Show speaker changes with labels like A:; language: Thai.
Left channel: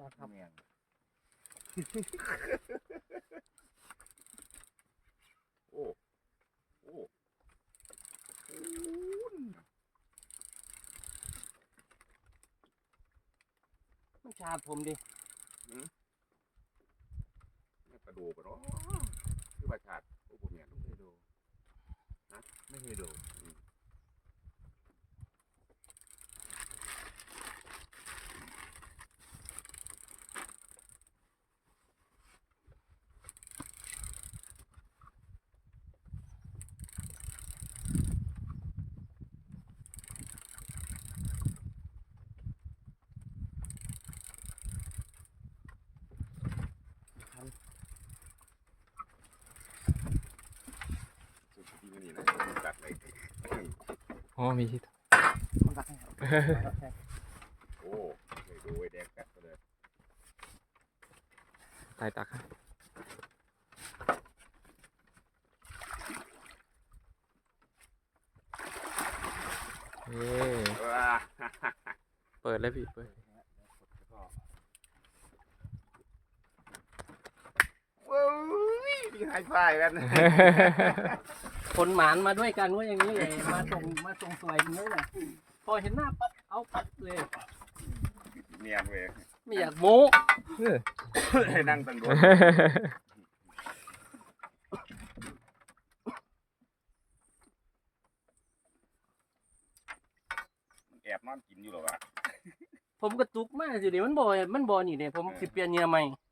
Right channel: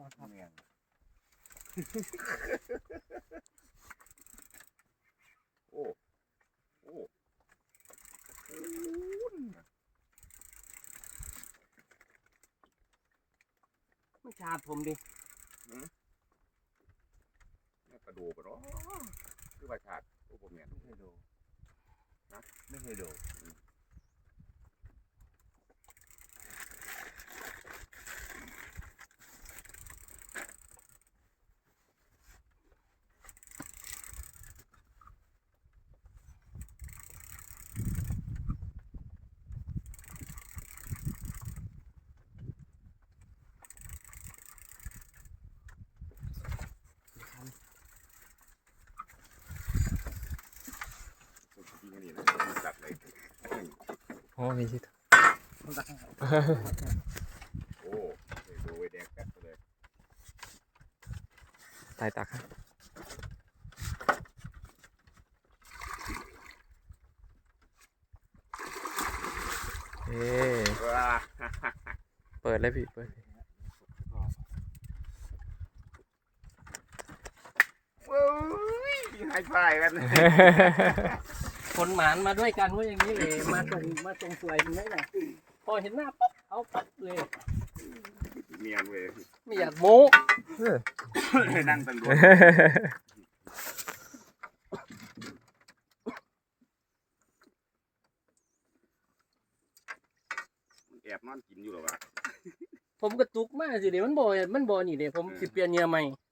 A: ครับเนี่ยโอ้โอ้
B: ไม่ชาดผมดิ
A: นี่กระดูกเนาะคือประชาติโอ้ผมเนี่ยไม่เคยดูนะไม่เคยดูจริงๆนี่นะจัดเลย
C: อ๋อมีที่
B: ผมรักให้เขา
A: โอ้เคยดูไอ้แดงแป๊บเลย
C: ตายตักให้เอ๊เปิดเลยพี่เปิด
A: ว้ยไฮไฟกัน
B: คนหมานมาด้วยกันว่าอย่างนี้เลยมาตรงสวยตรงนี้แหละพอเห็นหน้าปั๊บเอาปั๊บเลย
A: เนียนเว้ย
B: ไม่อยากโม้
A: ให้นั่งตังดูแอบนอนกินอยู่หรอวะ
B: ผมกระตุกมากสิเดี๋ยวมันบ่นี่เดี๋ยวผมสิเปลี่ยนเงียใหม่